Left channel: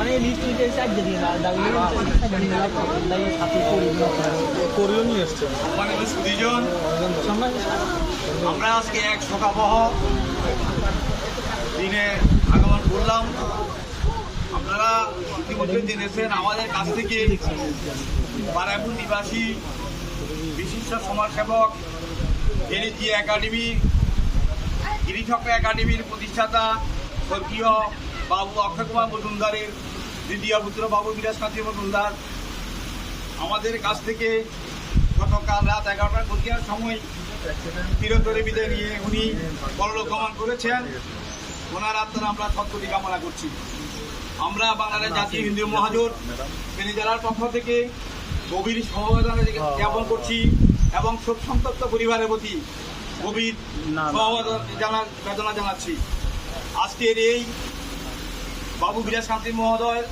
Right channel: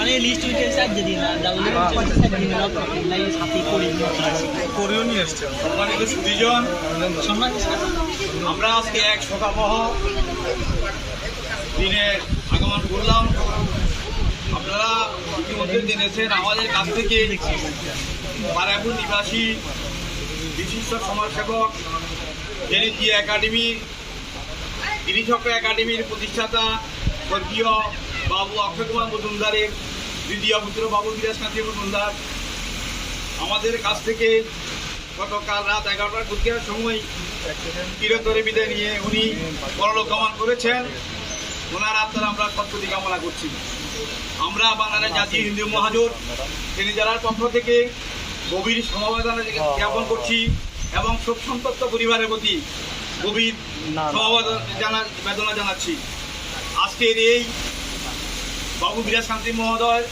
মানে লিস্ট হইতে চার দিন সাথে কোরিও নিয়ে এসছে। সম্মানিত সুধীজন, আমরা আজকে এক শোকাবহ দিনে আগমন করলাম। আপনারা ইতিমধ্যে জেনেছেন আমাদের কাছ থেকে বারাইপুর নিবাসী বিশিষ্ট সমাজসেবক এনএজি একাডেমি গিরিচক্র একাডেমির প্রতিষ্ঠাতা স্বর্গীয় বাবু অক্ষয় কুমার মজুমদারের দ্বিতীয় পুত্র বাবু বিরাজকান্তি মজুমদার আমাদের কাছ থেকে গতকাল রাত 11টার ঘটিয়ার সময় চিরতরে বিদায় নিয়ে উনি পরলোক গমন করেছেন। ওনার আত্মার আমরা সদ্গতি কামনা করছি। আমরা বাংলাদেশ জাতীয় হিন্দু মহাজোট ফেনী জেলার পক্ষ থেকে গভীর সমবেদনা জ্ঞাপন করছি এবং শোক সন্তপ্ত পরিবারের প্রতি গভীর সমবেদনা জানাচ্ছি। আজকের এই বাবু বিরাজকান্তি মহোদয়ের